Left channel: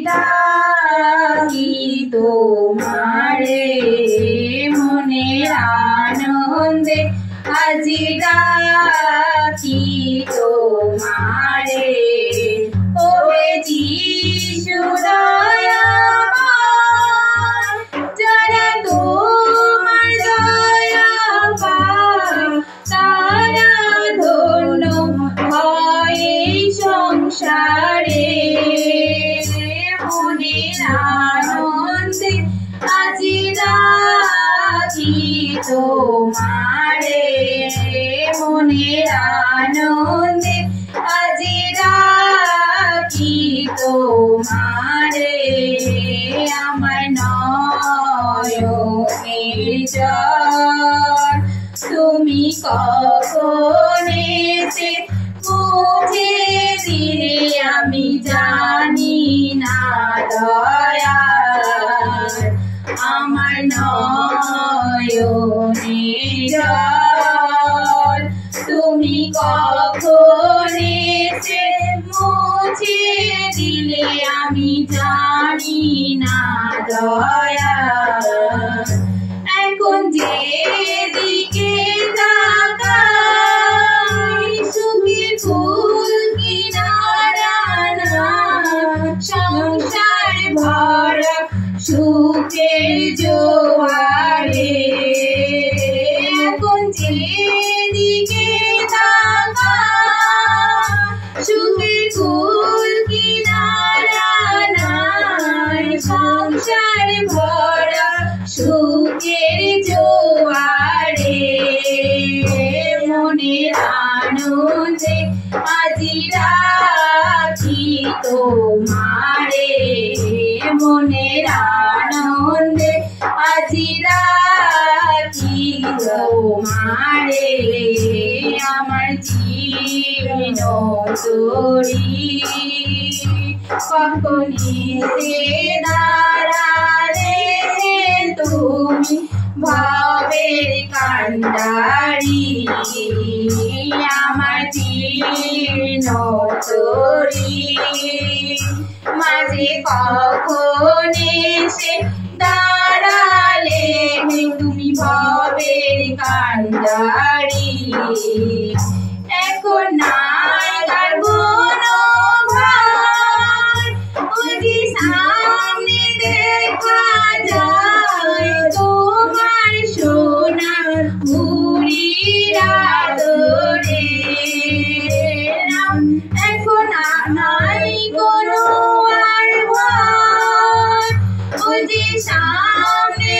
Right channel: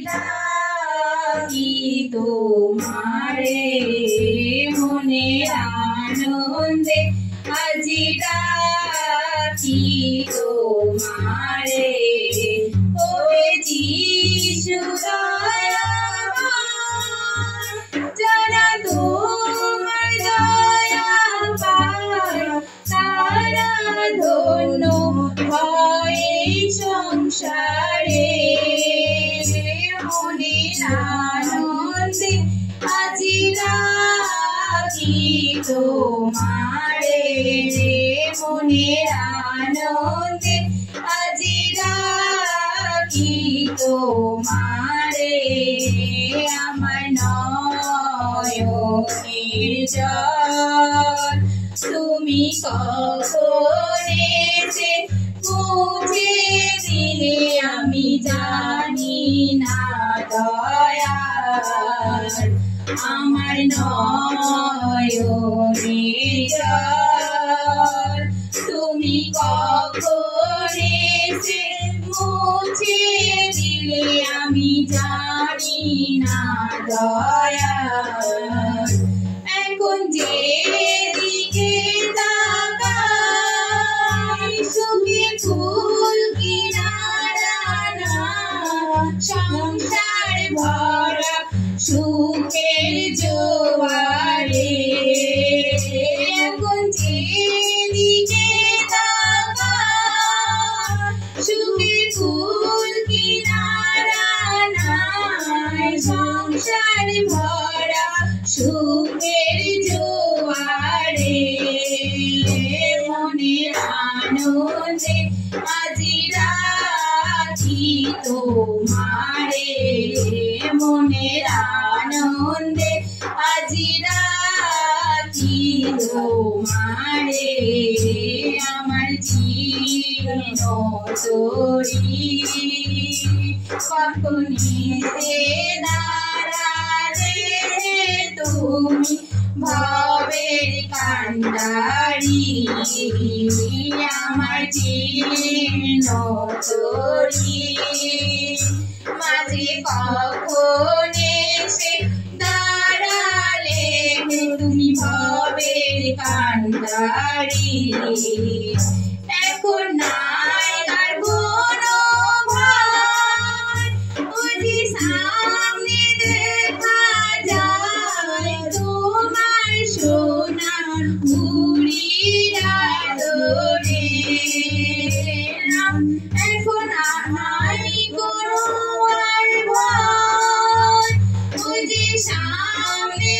ডাকি তোমারে মনের আনন্দে আজি ডাকি তোমারে ওরে যিশু দয়াময় যারা তোমার দয়া পায় তারা ধন্য হয় এই সংসারে মনের আনন্দে আজি ডাকি তোমারে মনের আনন্দে আজি ডাকি তোমারে আমার নয়নের জল তুমি কখন এসে মুছে দিলে আমি জানি না দয়াল আমার নয়নের জল তুমি কখন এসে মুছে দিলে আমি জানি না দয়াল এখন যেদিকে তাকাই সুখের ফুল কিনারা না সংসার ভরা সুখের জোয়ারে এখন যেদিকে তাকাই সুখের ফুল কিনারা নাই সংসার ভরা সুখের জোয়ারে মনের আনন্দে আজি ডাকি তোমারে মনের আনন্দে আজি ডাকি তোমারে আমার জীবন তোরি কখন এসে দাঁড়ালে তুমি ভবের কান্ডারি আমার জীবন তোরি মাঝে কখন এসে দাঁড়ালে তুমি ভবের কান্ডারি এখন নাই আর কোনো ভয় ওই যে সামনে দেখা যায় তোমার সোনার মুড়ির আদরে এখন নাই কোনো আর ভয় ওই যে সামনে